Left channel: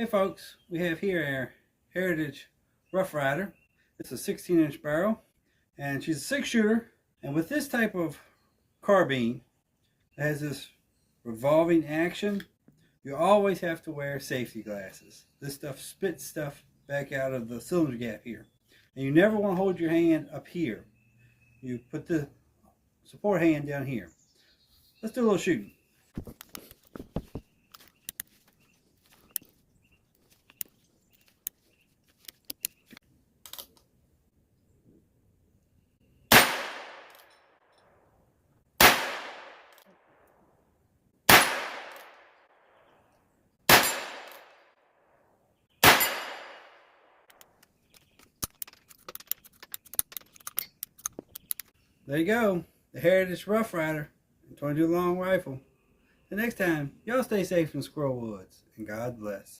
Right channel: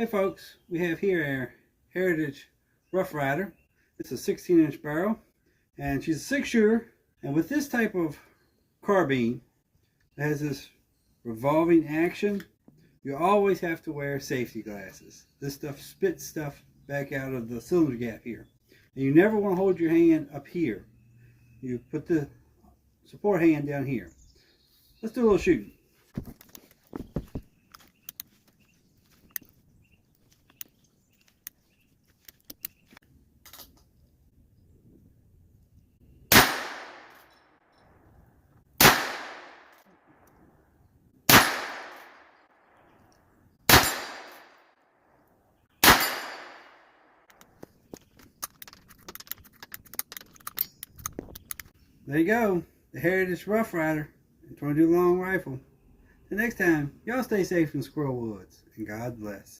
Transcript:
Hey folks, we have here our Heritage Rough Rider. It's a 16-inch barrel and she's a 6-shooter. And with this type of carbine that has this revolving action, you always have to wear safety glasses. This stuff spits stuff back out of the cylinder gap here. And you never want to hold your hand up here. You put the support hand down here. Let's do a little shooting. There you go, the Heritage Rough Rider, 22 long rifle. Till next time, y'all stay safe in Squirrel Woods, and God bless.